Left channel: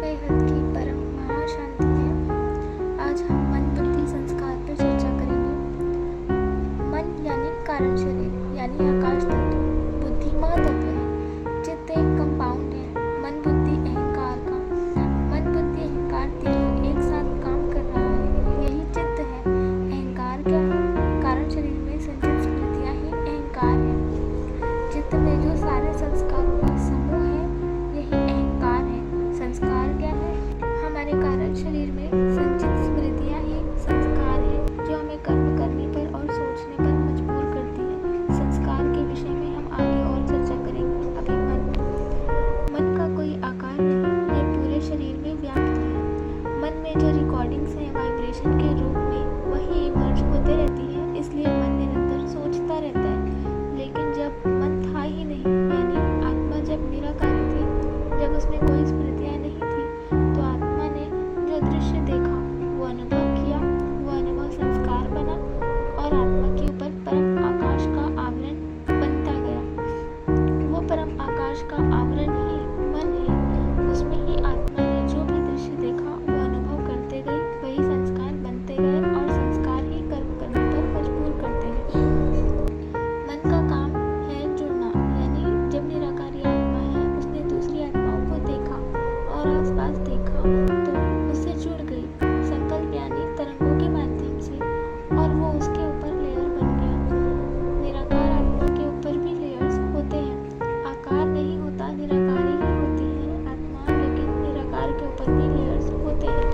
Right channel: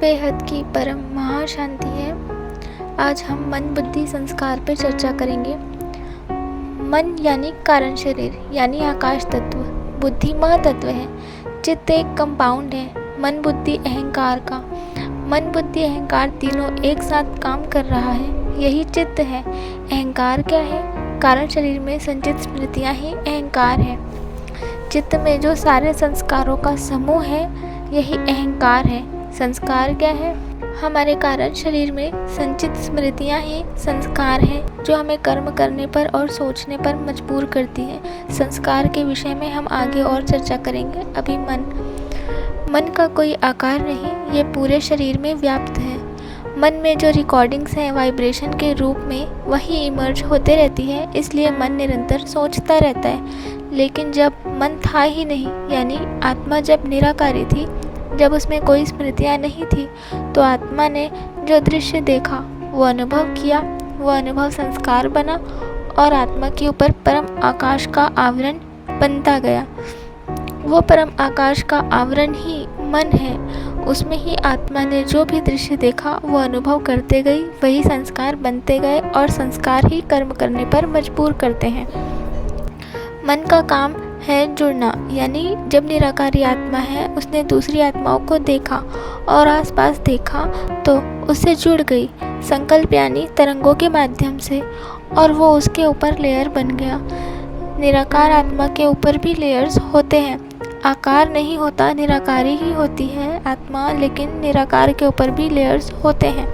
बेहद की परम महाशांति है। आज हम मन बुद्धि संस्कार पर चर्चा करेंगे। मन यानी कारण शरीर यानी आकाश तत्व, बुद्धि महातत्व है, चित्त एक कंपाउंड है मन बुद्धि अहंकार का। मन बुद्धि अहंकार तीनों एक साथ काम कर रहा है, यही चित्त है। अहंकार क्या है? कारण शरीर में संचित स्मृतियाँ ही अहंकार है। चित्त में जो सारे संस्कारों का समूह है यही अहंकार है। संस्कार क्या है? हमारे कारण शरीर में संचित स्मृतियाँ ही संस्कार हैं जो हमें कर्म करने पर और सोचने पर मजबूर करती हैं। संस्कार के विषय में हम आगे और चर्चा करेंगे। अभी मन का कोई आकार नहीं, ये पूरे शरीर में व्याप्त है। मन में जो रिकॉर्डिंग्स हैं वाइब्रेशन के रूप में वही इमर्ज होते रहती है, इसलिए मन निरंतर सोचता रहता है। लेकिन जब मन था ही नहीं, यानी आत्मा जब निराकारी थी, जब उसमें कोई स्मृतियाँ नहीं थी, तो आत्मा ने जो दृश्य देखा वो अनुभव किया, वो अनुभव संस्कार बना और आत्मा के ऊपर परम आकाश का आवरण बनता गया। वो परम आकाश का आवरण ही मन है। उसमें ही आत्मा ने जो भी दृश्य देखा वो अनुभव करते गई, वही संस्कार बनते गए और संस्कार ही कर्म करने पर मजबूर करते हैं। मन का काम है जुड़ना, यानी जब निराकारी आत्मा है उसने दूसरी आत्माओं को देखा और आसपास देखा तो उससे जुड़ गई संकल्प यानी तरंगों के माध्यम से, और वो उसके ऊपर लेयर बन गया। निराकार आत्मा के ऊपर भी लेयर्स होते हैं। आकार नहीं होता, निराकारी ही होती है आत्मा, लेकिन निराकार के ऊपर भी लेयर्स होते हैं।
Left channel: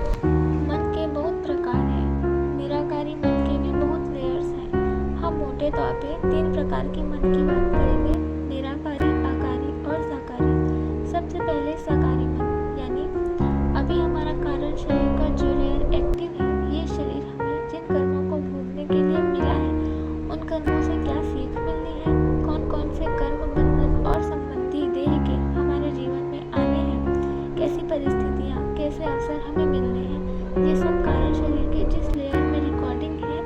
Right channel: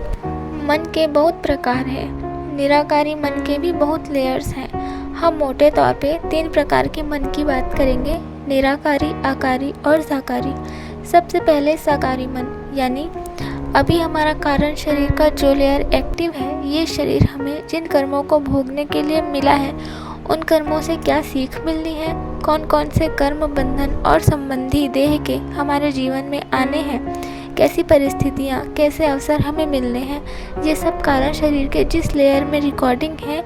मन के बहुत प्रकार हैं, निराकारी मन के भी बहुत लेयर्स हैं। हम मोटे तौर पे 3 प्रकार के मन की बात करेंगे, निराकारी, आकारी और साकारी। सबसे पहले साकारी मन, यानी अभी हमारा कारण शरीर का जो लेयर एक्टिव है, ये शरीर हमें जिन कर्मों को भोगने के लिए मिला है उन कर्मों से क्या सीख मिलनी है, कौन कौन से कर्म बंधन और संबंधी देह के हमारे जीवन में आने हैं, कैसी परिस्थितियाँ, कैसे अवसर हमें मिलने हैं, ये सब कारण शरीर के जिस लेयर में रिकॉर्डिंग है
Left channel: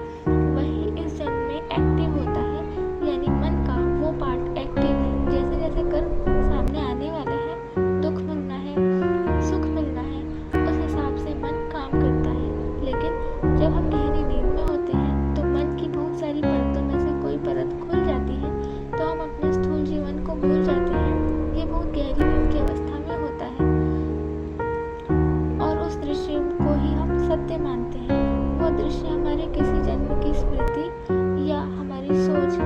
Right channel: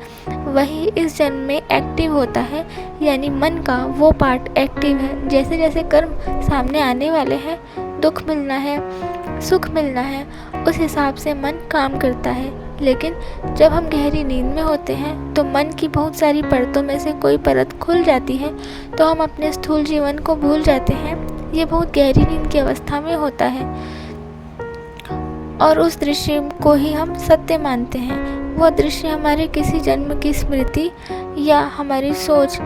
वही इस जन्म में एक्टिव होता है। यानी मन का वो पार्ट एक्टिव है। जैसे जैसे कर्म सामने आने वाले हैं, दुख मिलना है, सुख मिलना है, उस हिसाब से मन काम करता है। लेकिन जब हम गहरी नींद में होते हैं तो मन की बहुत सारी परतों में से कोई परत खुल जाती है तो हम अपने स्थूल जीवन को भूल जाते हैं। ये बहुत गहरी नींद की अवस्था में होता है और उस दृश्य को ही हम सत्य मानते हैं। वो दृश्य हमारे किसी जन्म की स्मृति या हमारी सोच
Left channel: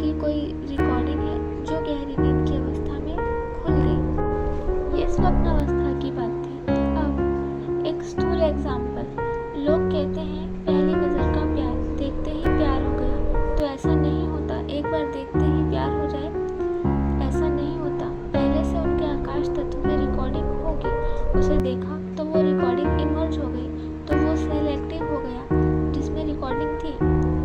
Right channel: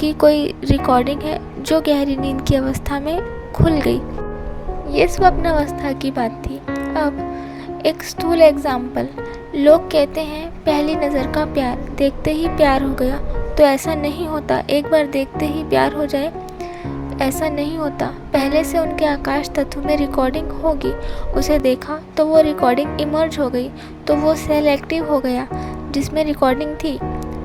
की कोई रिकॉर्डिंग है जो गहरी नींद की अवस्था में खुल गई। ये स्वप्न अवस्था की बात थी। अब एक स्थूल एग्जाम्पल, लोग कहते हैं पहली नज़र का प्यार, देखते ही प्यार हो गया, तो ऐसा नहीं होता। एक बार देखते ही प्यार हो जाए ऐसा नहीं होता। पहले से उनके आकाश तत्व में रिकॉर्डिंग होगी, उसे देखा तो वो रिकॉर्डिंग इमर्ज हो गई, तो वो सेल एक्टिव हो गया जिसमें रिकॉर्डिंग थी।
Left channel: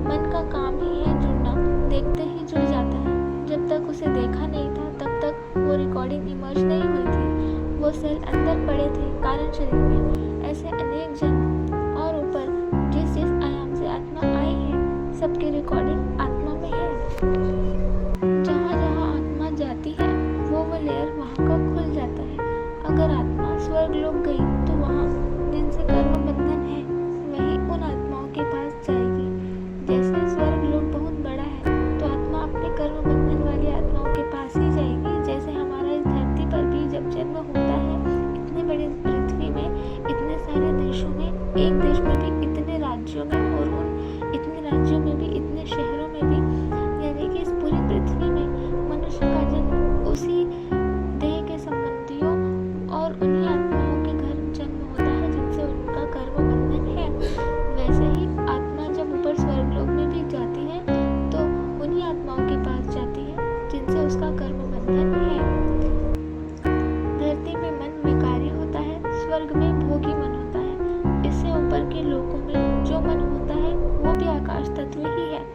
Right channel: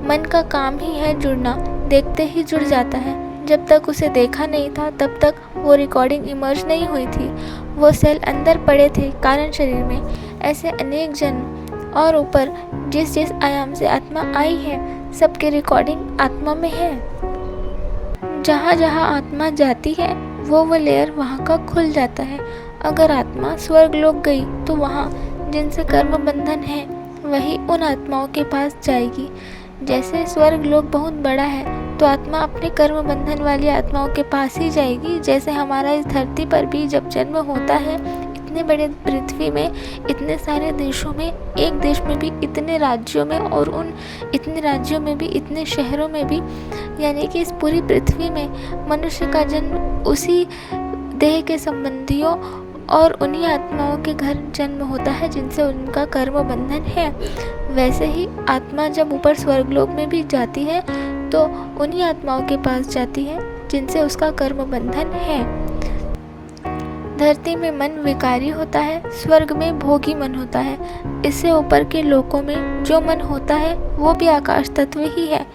मन का काम ही है जुड़ना, देखते ही जुड़ जाता है। जब तक उसे देखा नहीं था तब तक वो रिकॉर्डिंग इमर्ज नहीं हुई थी, वो सेल अंदर पड़े थे कारण शरीर में। ऐसे अनेक जन्म और ऊपर जिस जिस आयाम से आत्मा आई है, सबकी रिकॉर्डिंग आत्मा में है। जहाँ जहाँ आत्मा जाती है वो लेयर वहाँ का खुल जाता है। अगर आत्मा स्वर्ग लोक गई तो वहाँ जिनसे कर्म बंधन है वही उन आत्माओं के पास जाएगी। जैसे स्वर्ग लोक बहुत बड़ा है तो आत्मा अपने कर्म बंधन वाली आत्माओं के पास ही जाएगी। जैसे हमारा इस धरती पर भी जब जन्म होता है, इतने बड़े पृथ्वी में, इतने सारे देशों में, एक देश में भी इतने राज्यों में, और उन इतने राज्यों में भी इतने शहरों में भी, यानी कि इस पूरी पृथ्वी में मनुष्य का जन्म उसी देह के संबंधियों और उन्हीं आत्माओं के घर जन्म होता है जिनसे उनका कर्म बंधन है। वैसे ही आत्मा जब ऊपर स्वर्गलोक में भी जाती है तो उन्हीं आत्माओं के पास जाती है जिनसे उसका कर्म बंधन है। धरती में मन विकारी होता है, स्वर्ग में भोगी मन होता है। इससे ऊपर के लोकों में जो मन होता है वो भी आकाश तत्व ही है।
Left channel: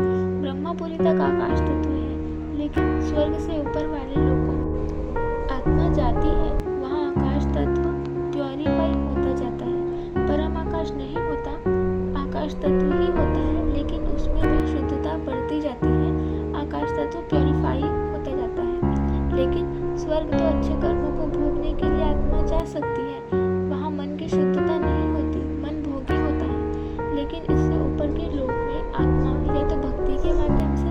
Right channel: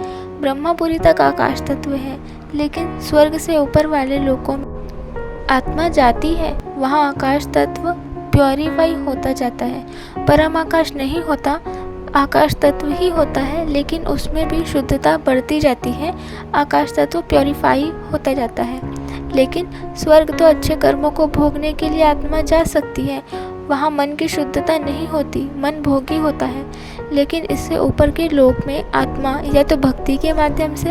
ब्रह्मपुरी तक आकाश तत्व है, लेकिन स्वर्ग से ऊपर वाले लोकों में आत्मा जाती है, वहाँ आकाश तत्व प्योरीफाई होता जाता है। परम आकाश नहीं होता, आकाश तत्व ही होता है, लेकिन उसमें भी शुद्धता बढ़ती जाती है, आकाश तत्व प्योरीफाई होता जाता है। लेकिन स्वर्ग तो अच्छे कर्मों को भोगने के लिए आत्मा जा सकती है। वहाँ मन की शुद्धता नहीं होती, मन भोगी होता है। लेकिन इससे ऊपर के लोक में आत्मा या तो भक्ति के माध्यम से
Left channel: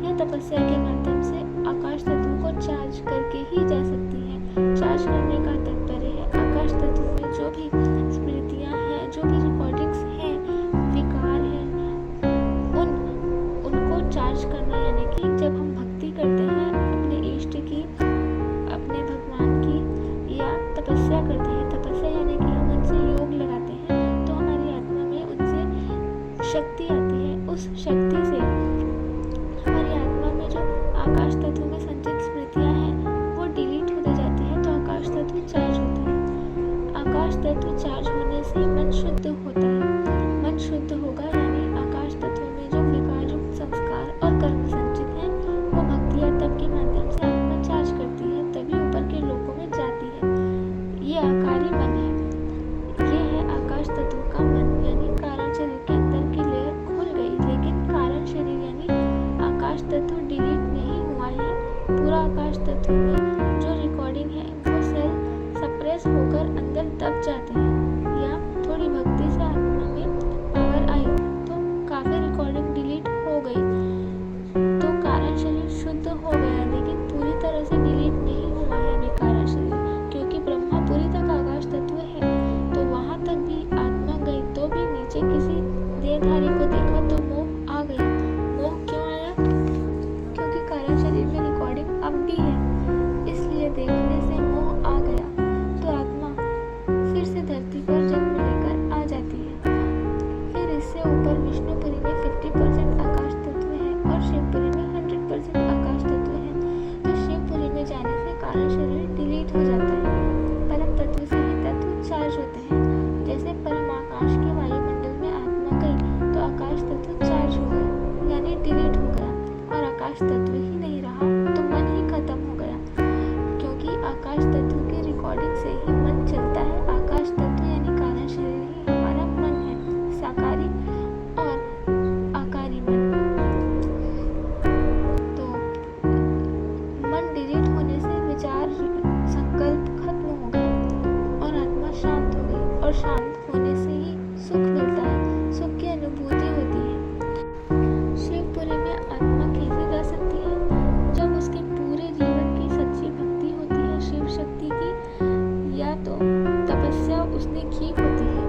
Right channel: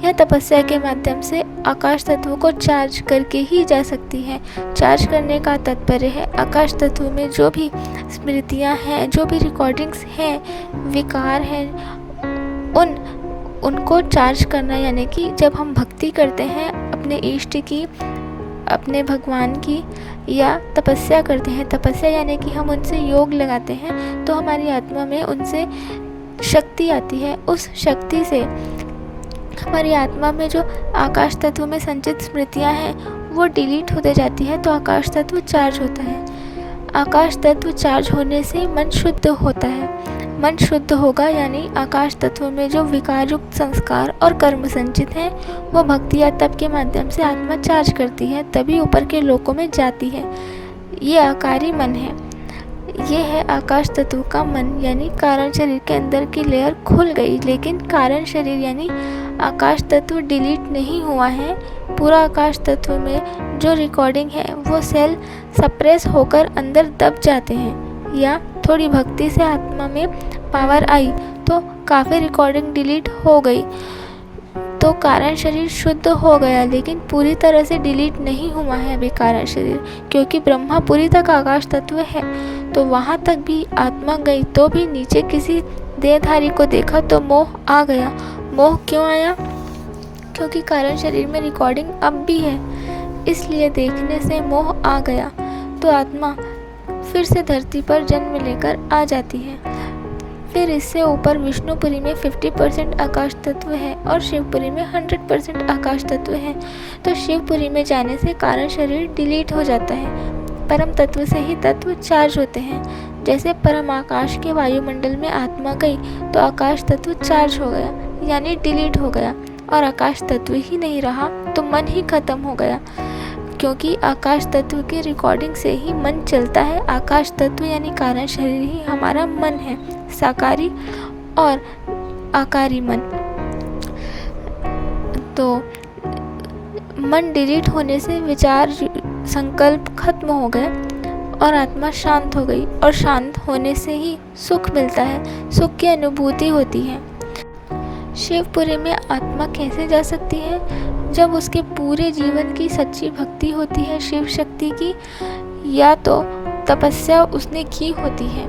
या तपस्या के माध्यम से आकाश तत्व को चार्ज करके ही जा सकती है। चार्ज करने का तात्पर्य है आकाश तत्व में जो भी स्मृतियाँ हैं, जो भी रिकॉर्डिंग्स हैं, विकार हैं, उनको चार्ज करना। यानी कि जब हम भक्ति करते हैं अपने इष्ट की, अपने भगवान की, या तपस्या करते हैं, तपस्या यानी कि हम उनसे योग लगाते हैं, तो हमारी आत्मा में उनसे शक्ति आती है। उस शक्ति से हमारी आत्मा में जो आकाश तत्व में संचित स्मृतियाँ हैं वो डिलीट होते जाती है, तो आकाश तत्व चार्ज होता है। आकाश तत्व चार्ज होने से मन शुद्ध होता है। मन शुद्ध होगा यानी आकाश तत्व में जो विकार युक्त संस्कार और कर्म संचित हैं वो भक्ति या तप के माध्यम से आत्मा चार्ज करती है, तभी ऊपर के लोकों में जाती है। ये आकारी मन है। ये है आकाश तत्व का मन, यानी कारण शरीर के अंदर की लेयर खुल गई, लेकिन कारण शरीर यानी आकाश तत्व डिलीट नहीं हुआ है। पूरा आकाश तत्व में जो रिकॉर्डिंग है वो सेल सप्रेस होकर अंदर दब जाते हैं, या थोड़ी भक्ति से आत्मा में पावर आई तो काफ़ी रिकॉर्डिंग डिलीट हो गई, तो कारण शरीर शुद्ध हो गया। लेकिन पूरी तरह से डिलीट नहीं हुआ है अभी कारण शरीर, क्योंकि ब्रह्मापुरी तक आकाश तत्व है, तो वहाँ तक भी आत्मा गई तो भी नीचे किसी देहधारी को देखा तो मोह आ गया। मोह क्यों आया? क्योंकि कारण शरीर में रिकॉर्डिंग अब भी है, इसलिए देखने से मोह आ गया, तो आत्मा फिर से धरती पर जन्म लेकर आ जाती है। फिर इससे ऊपर विष्णुपुरी में 50% आकाश तत्व है और शिवपुरी में 100% आकाश तत्व है, तो शिवपुरी में जाने से कारण शरीर डिलीट हो जाता है। परम तत्व से ही तत्व चार्ज होते हैं। जैसे परम आकाश के वायुमंडल में आत्मा गई तो आकाश तत्व चार्ज हो गया, यानी डिलीट हो गया, और आकाश तत्व ही नहीं रहा तो मन ही खत्म हो गया, क्योंकि आकाश तत्व की रिकॉर्डिंग से ही मन चलता है। आकाश तत्व यानी कारण शरीर ही हमारा मन है, साकारी और आकारी मन। तो मन डिलीट होने से विचार संकल्प खत्म हो गए और आत्मा शांत हो गई, और शांत होने से ही सुख मिलता है, सुख की अनुभूति होती है। शिवपुरी में आत्मा कैसे जा सकती है? जब उसके पूरे जीवन की सच्ची भक्ति होती है शिव शक्ति की, या तो तपस्या उसने की होती है,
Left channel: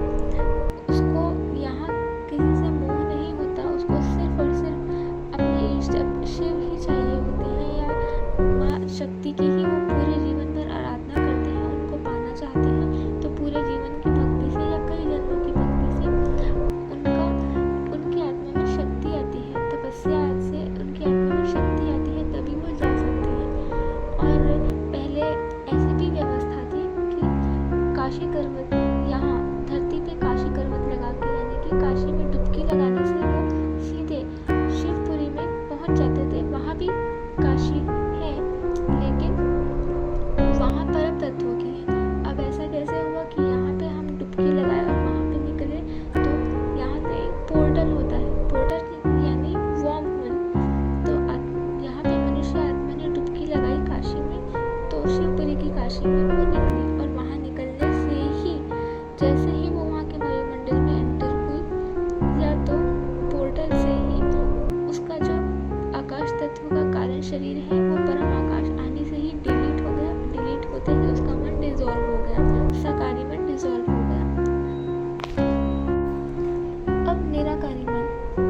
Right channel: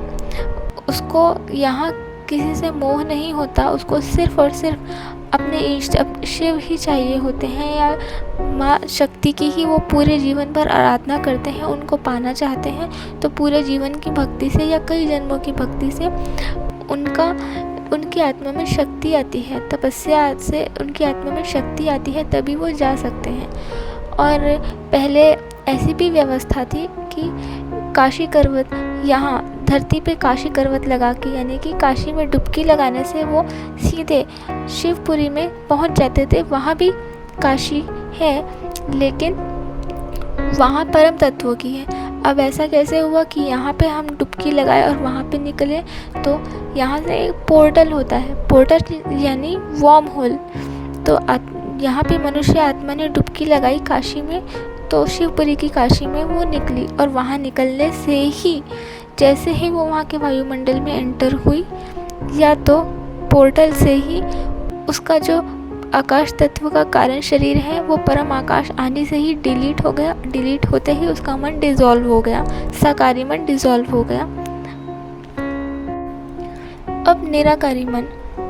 उसको यहाँ किसी से मोह नहीं होता, उसको सिर्फ और सिर्फ अपने इष्ट शिव ही चाहिए होते हैं, या माँ शक्ति की ही वो पूरे जीवन भर आराधना करते हैं, उनको पाना चाहते हैं, तो पूरे जीवन की भक्ति से या कई जन्मों की भक्ति से उनकी आत्मा में शक्ति आती है, तपस्या से उनकी आत्मा में शक्ति आती है, तभी वो जा सकते हैं। और पहले ऐसी भी व्यवस्था थी कि काशी करवत, यहाँ धरती पे काशी करवत लगा के, यानी कि काशी में डुबकी लगाने से वो सीधे शिवपुरी में पहुंच जाते थे। वहाँ भी काशी है, लेकिन वहाँ परम तत्वों की है। अब ऐसा कैसे हुआ कि यहाँ पे हम डुबकी लगाए और वहाँ पे निकले? तो यहाँ से एक पोर्टल होता है, पोर्टल यानी वॉर्म होल। तो यहाँ पे मनुष्य आत्मा ने डुबकी लगाई काशी में, तो शिवपुरी की काशी में वो निकली, और वहाँ निकलने से ही जैसे ही वो वहाँ के वायुमंडल में एंटर हुई, या तो पोर्टल से ही उसका जो आकाश तत्व का कारण शरीर है वो परम आकाश आने से ही डिलीट हो गया। डिलीट होते ही उसका मन डिसॉल्व हो गया, साकारी मन डिसॉल्व हो गया। अब निराकारी मन,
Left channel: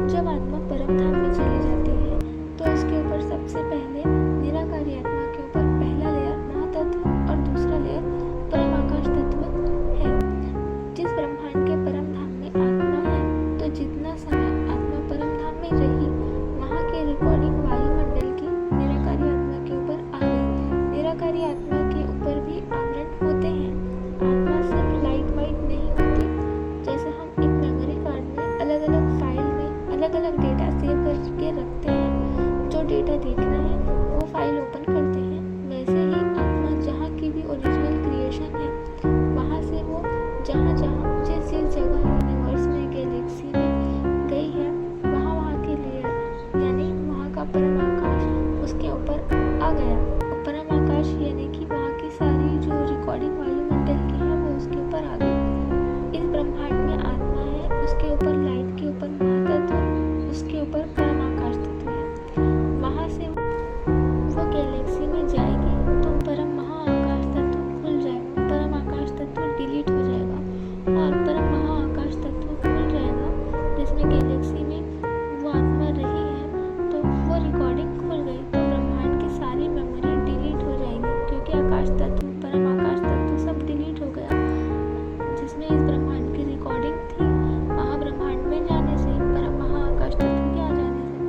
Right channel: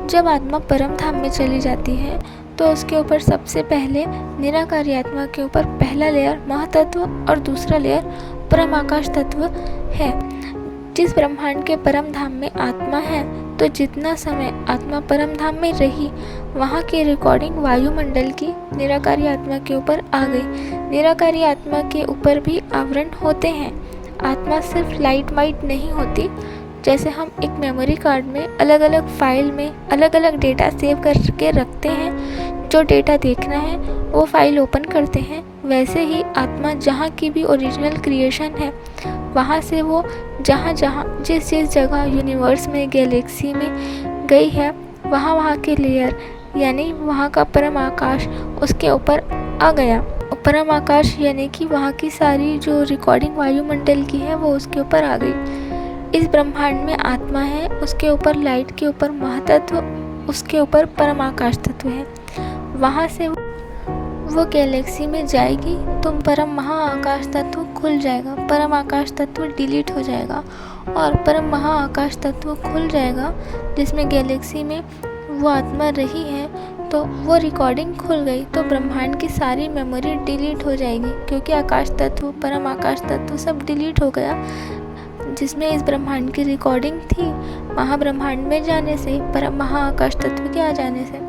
जब आत्मा परम धाम में चली जाती है तो उसके ऊपर सबसे पहले निराकारी आत्मा के ऊपर पहला लेयर महातत्व और दूसरा लेयर परम आकाश तत्व है। जिस ब्रह्मांड के परम धाम में आत्मा है, तो जितना समय आत्मा परम धाम में रही, वहाँ की रिकॉर्डिंग वायुमंडल की निराकारी आत्मा के ऊपर आ गई। निराकारी आत्मा के ऊपर भी आवरण होते हैं। आत्मा सिर्फ लाइट वाइट नहीं होती। जैसे हम एक मेमोरी कार्ड में अलग अलग फाइल में अलग अलग डेटा सेव करके रखते हैं, जो डेटा देखना है वो फाइल ओपन करते हैं, वैसे ही आत्मा जहाँ की भी ओरिजिनल क्रिएशन है, वहाँ से वो जहाँ जिस जगह यूनिवर्स में, गैलेक्सी में गई है, वहाँ के लेयर यानी वहाँ का परम आकाश उसके ऊपर आ गया। परम आकाश यानी कि वहाँ की सारी जो रिकॉर्डिंग वायुमंडल की है वो उसके ऊपर आ गई। इस ब्रह्मांड में आत्मा है, उसके ऊपर लाइट के ऊपर महातत्व, उसके ऊपर परम आकाश तत्व है। वहाँ से वो गैलेक्सी में जाएगी तो परम महाआकाश तत्व खुल जाएगा, परम आकाश तत्व डिलीट हो जाएगा और परम महाआकाश तत्व खुल जाएगा जिसमें गैलेक्सी में वो आत्मा रही है। तो वो रिकॉर्डिंग खुल गई तो ब्रह्मांड की सारी मेमोरी डिलीट हो जाएगी, क्योंकि आकाश तत्व, परम आकाश तत्व सब डिलीट हो गया जिसमें इस ब्रह्मांड की रिकॉर्डिंग थी। महाब्रह्मांड में जाने से, परम महाआकाश तत्व के आ जाने से।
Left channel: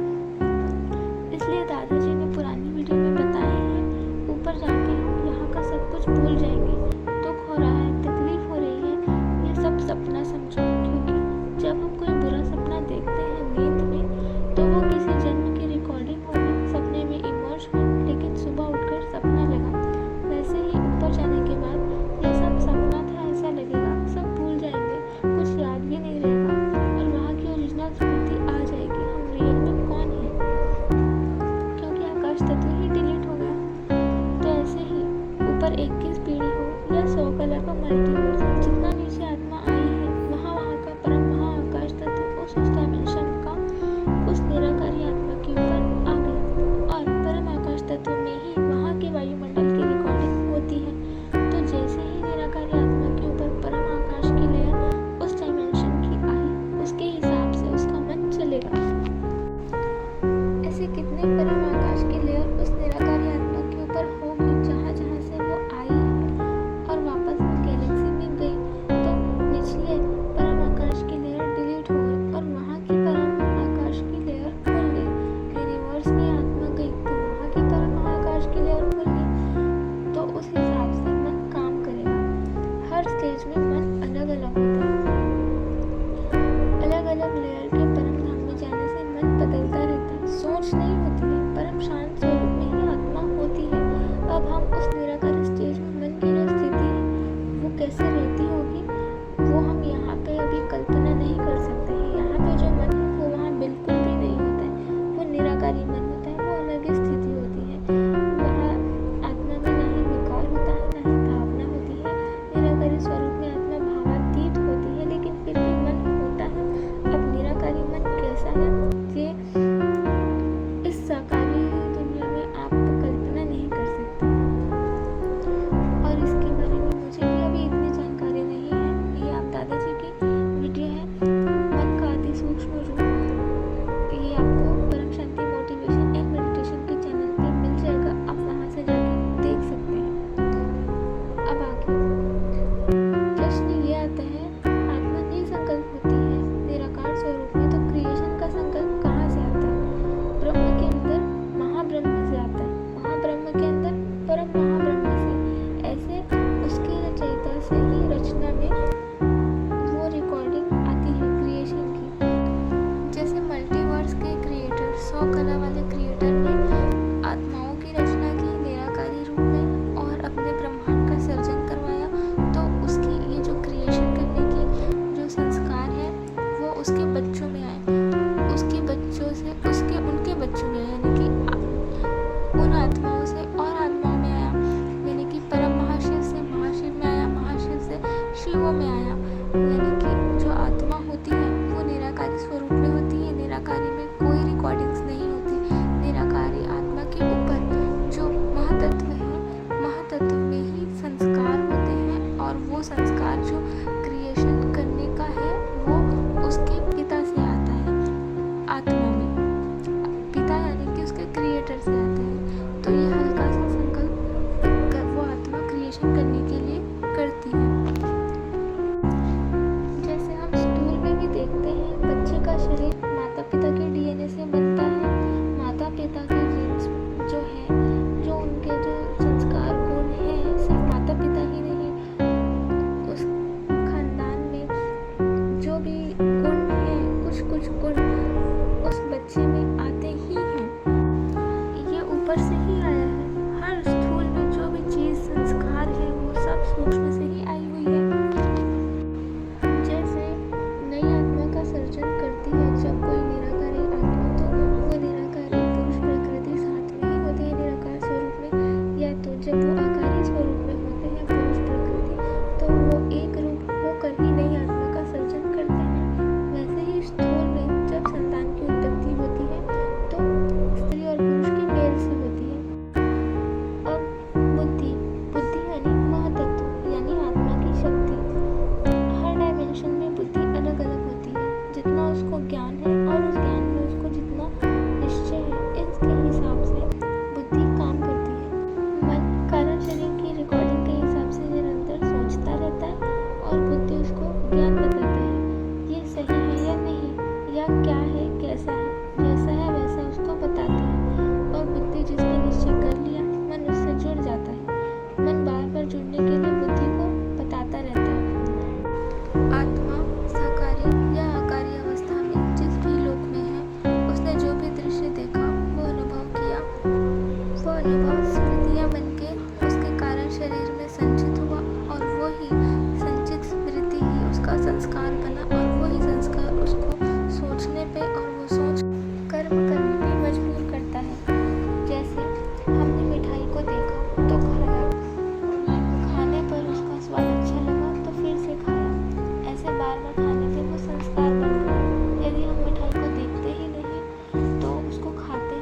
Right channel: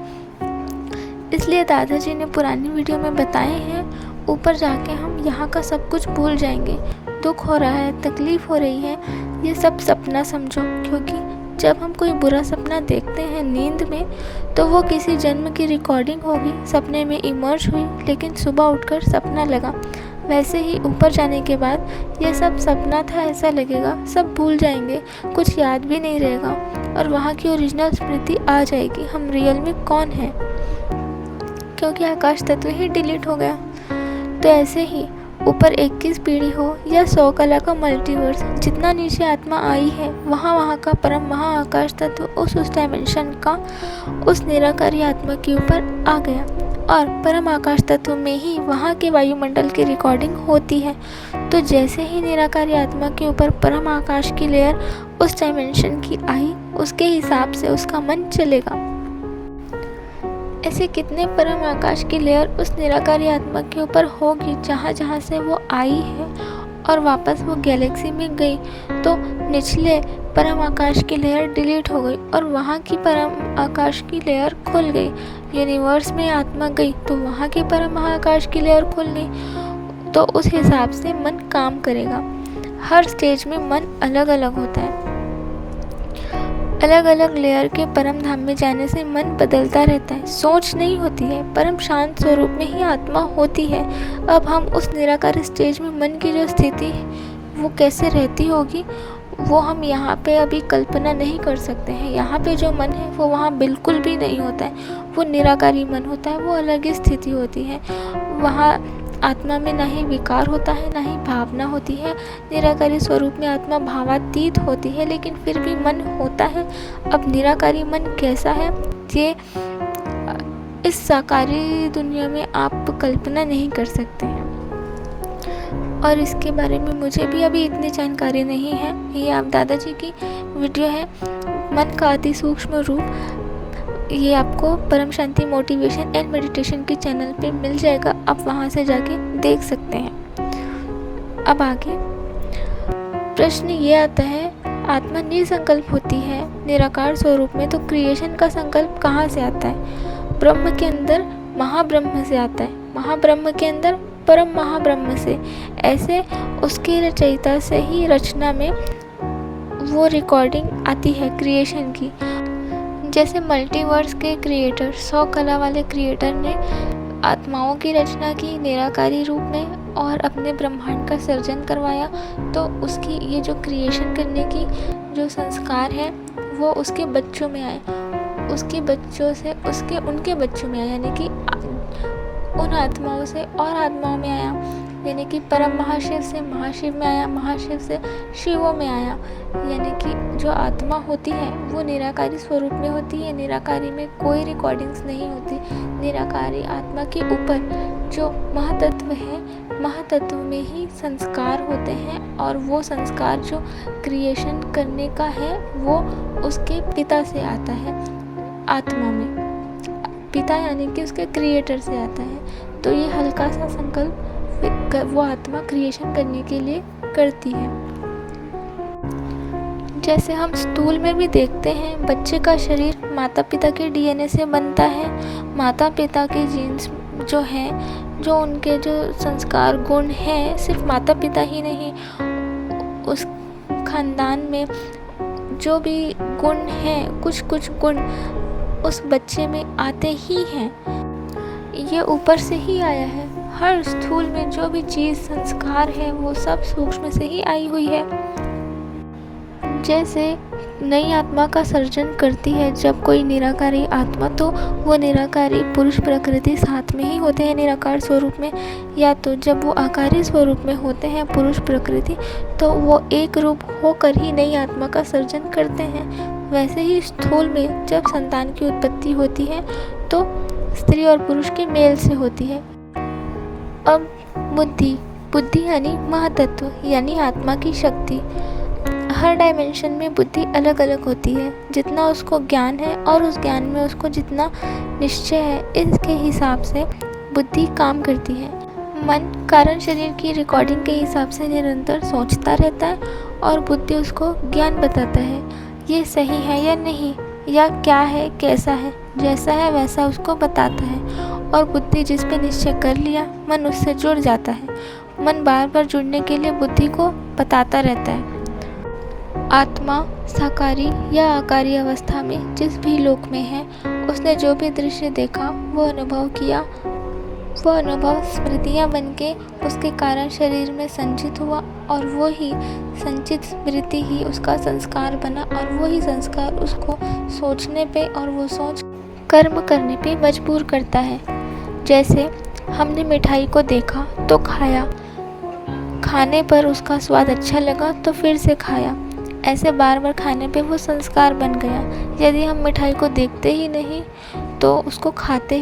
इसलिए दादाजी ने पुरानी वीडियो में बताए हैं, ऊपर जाके हम यहाँ का सब कुछ भूल जाएंगे। दुख हो रहा है, तकलीफ हो रही है, ये सब सपना समझो, क्योंकि जब हम कोई बुरा सपना देखते हैं नींद में तो वो किसी जन्म की रिकॉर्डिंग होगी, सपने में इमर्ज हुई लेकिन सुबह उठकर सपना लगा। वैसे ही ऊपर जाने के बाद ये सब सपना था ऐसा लगेगा, सब भूल जाएंगे, कुछ याद भी नहीं रहेगा और वहाँ की ओरिजिनल स्मृति आ जाएगी, हम रियल में कौन हैं, क्योंकि आकाश तत्व ही डिलीट हो गया। तो ऐसे ही ऊपर 21 पीढ़ी हो या 100 कला का मल्टीवर्स, जितना नीचे आत्मा आई है वहाँ का परम महाआकाश तत्व उस डायमेंशन का उस निराकारी आत्मा के ऊपर आ गया और परम आकाश तत्व में ही वहाँ के वायुमंडल की रिकॉर्डिंग होती है। तो जैसे ही निराकारी आत्मा के ऊपर परम आकाश की लेयर उस डायमेंशन की आई, उसके हिसाब से उसका मन चलेगा। ऐसे कितने परम आकाश की लेयर उस निराकारी आत्मा के ऊपर होगी जहाँ जहाँ से वो आई है और वापस वो गैलेक्सी में गई तो निचले परम आकाश की लेयर डिलीट हो गई और वहाँ की परम आकाश की लेयर खुल गई। यूनिवर्स में आत्मा गई तो वहाँ की परम महाआकाश की लेयर खुल गई। तो उस हिसाब से मन काम करेगा। हर स्टेज में मन अलग अलग होता है। अलग अलग लेयर के परम धाम में जाने से मन बदलता रहता है, सोच नहीं होती है, परम शांत स्वरूप में ही आत्मा होती है। अब हम उस निराकार स्टेज में मन की जो स्थिति है वो कैसे रहती होगी वो हम यहाँ पे अभी कल्पना नहीं कर सकते हैं। यहाँ पे जो मन है वो वहाँ बिल्कुल भी नहीं होता है, वो निराकारी मन होता है, वो अलग ही स्थिति होती है। वहाँ आत्मा में ना ही विकार होता है ना ही भावना होती है। निराकारी स्वरूप में आत्मा भावातीत होती है लेकिन फिर भी मन होता है। अब निराकारी मन कैसा है ये इस साकारी दुनिया में आप कल्पना नहीं कर सकते हैं और इसके बारे में मुझे भी अभी इतनी जानकारी नहीं है। ये आप दादाजी की वीडियो है मन का अति सूक्ष्म रूप, ये आपको परम शांति मोटिवेशन एंड मेडिटेशन के चैनल पे मिल जाएगा, आप वहाँ से जाके देख सकते हैं। अब आगे प्रश्न ये आता है, आत्मा निसंकल्प होती है निराकार स्वरूप में, तो क्रिएशन का संकल्प कहाँ से आता है? ब्रह्म के अंदर महाब्रह्म से आता है, महाब्रह्म के अंदर परम महाब्रह्म से। ऐसे उसकी रचयिता से ही रचना में वो रिकॉर्डिंग आती है क्रिएशन की। जैसे मल्टीवर्स के क्रिएटर 100 कला वाले क्रिएटर ने आत्माओं की रचना की निराकारी रूप में और अपने ब्रह्मांड का सर्जन करवाया, तो उसकी ये जो क्रिएशन करने की जो संस्कार है वो उसके बच्चों में आए, उसके बच्चों से उनके बच्चों में आया, यानी कि उन आत्माओं से और आत्माओं में आया, यानी कि परम महाशिव से महाशिव में आया, महाशिव से शिवों में आया। यानी कि जो आत्मा होती है वो निराकारी स्वरूप में होती है, निराकारी में कोई रिकॉर्डिंग्स नहीं होती। निराकारी आत्मा के ऊपर जो महातत्व है, महातत्व में ही संस्कार होते हैं और वो संस्कार जो क्रिएशन करने का है वो उसके पिता से आता है आत्मा में। पिता यानी कि उसके क्रिएटर से आता है। तो ये हल्का सा संकल्प वो आत्मा क्रिएशन करने के लिए करती है। जैसे हम स्थूल में भी देखते हैं, बच्चे का शरीर माता पिता के डीएनए से बनता है। माता पिता के जीन्स जो हैं, जो उनके जो संस्कार गुण हैं, सिर्फ माता पिता ही नहीं, उस खानदान में जो भी गुण हैं, कुछ गुण उस बच्चे में आते ही हैं। ये ऊपर से ही आया है। हर स्थूल में जो भी चीज़ संस्कार है वो सब सूक्ष्म से ही आई हुई है। जैसे नई आत्मा का सर्जन करती है जब कोई निराकारी आत्मा, तो वो निराकारी पुरुष प्रकृति साथ में ही होते हैं निराकार स्वरूप में, या तो जब वो आकारी स्वरूप में होते हैं पुरुष प्रकृति, तो वो एक रूप होकर ही नई आत्मा का सर्जन करते हैं। वैसे ही स्थूल में जब संतान की उत्पत्ति होती है तो स्त्री और पुरुष के मेल से होती है। अब बुद्धि यानी महातत्व यानी आत्मा की शक्ति। हर डायमेंशन में बुद्धि अलग अलग होती है। जितना उसको ज्ञान है और उस ज्ञान में उसको जितना निश्चय है, इसके हिसाब से बुद्धि काम करती है। मन कारण शरीर की रिकॉर्डिंग के हिसाब से निरंतर सोचता रहता है और बुद्धि उसको ज्ञान बताता है, ये सही है या नहीं, या क्या है कैसा है, जैसा है वैसा उसको बताता है। और बुद्धि जिस पे निश्चय कर लिया, मन उससे जुड़ जाता है। मन बार बार जुड़ने के लिए बुद्धि को बताता रहता है। आत्मा साकारी या आकारी अवस्था में जिस भी लोक में है, उसने जो भी दृश्य देखा, वो अनुभव किया, वो अनुभव स्मृतियाँ बनके उसके कारण शरीर में संचित हुआ, और वो ही संचित स्मृति ही उसका संस्कार बना, और वो ही संस्कार उसको सोचने पे और वो सोच कर्म करने पे मजबूर करता है। जैसे हमने मिठाई को देखा तो खाया, खाने पर उसका स्वाद अच्छा लगा तो फिर से खाया, ऐसे बार बार खाने पे वो संस्कार बन गया। यदि हम मिठाई को देखते ही नहीं तो उसको खाते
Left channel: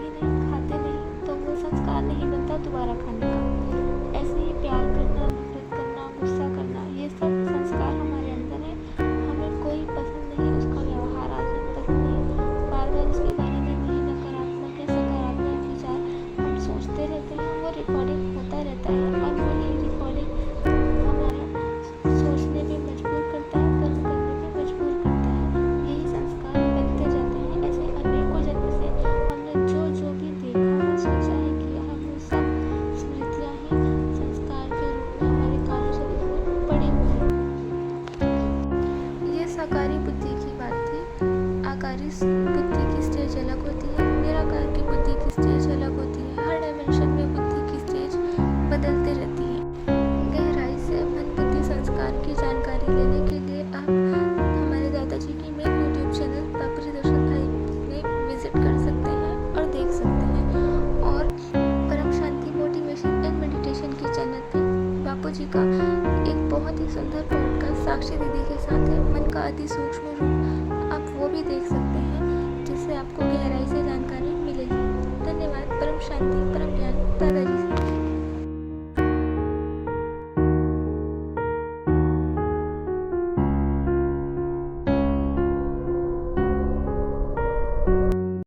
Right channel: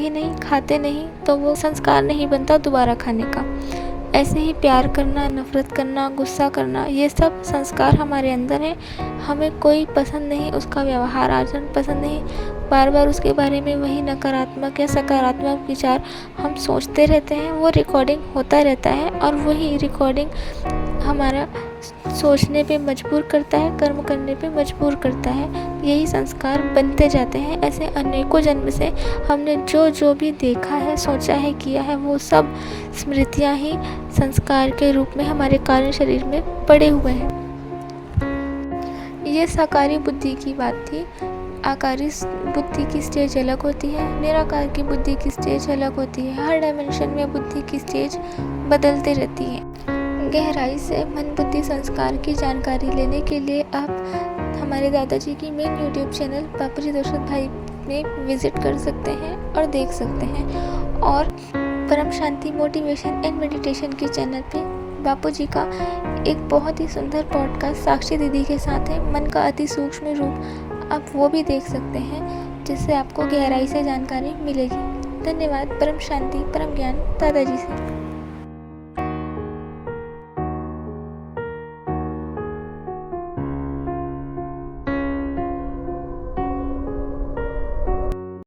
नहीं तो वो संस्कार नहीं बनता दोबारा खाने का। ऐसे ही प्यार करना, नफरत करना, गुस्सा करना, ये सब संस्कार हमारे अंदर है। हमें कोई पसंद नहीं, उसका व्यवहार आचरण पसंद नहीं, बार बार उसके बारे में वही नकारात्मक या सकारात्मक विचार हम सोचते रहते हैं। वो रिकॉर्डिंग होता रहता है और वही रिकॉर्डिंग हमारा सोचने पे मजबूर करता है, कर्म करने पे मजबूर करता है। यही संस्कार बनते जाते हैं। ऐसे अनेकों जन्म से हमने जो जो भी देखा है, सोचा है, किया है, वो सब स्मृतियाँ ही संस्कार के रूप में हमारे कारण शरीर में पड़े हुए हैं। ये साकारी बुद्धि की बात थी। आकारी बुद्धि की स्टेज अलग होती है, निराकार की बुद्धि की स्टेज अलग होती है। हर डायमेंशन में बुद्धि की स्टेज बदलते रहती है। गहराई से मन बुद्धि संस्कार की जानकारी लेने के लिए आप हमारे दादाजी की मेन यूट्यूब चैनल बापूजी दर्शन भाई में विजिट कर सकते हैं और देख सकते हैं। और परम शांति मोटिवेशन एंड मेडिटेशन के चैनल पे बापूजी का एक बहुत ही सुंदर पॉडकास्ट साक्षी दीदी के साथ है, मन का अति सूक्ष्म रूप, आप वो भी देख सकते हैं, जिससे आपको गहराई से जानकारी मिलेगी। धन्यवाद। परम शांति परम ज्ञान दादाजी से।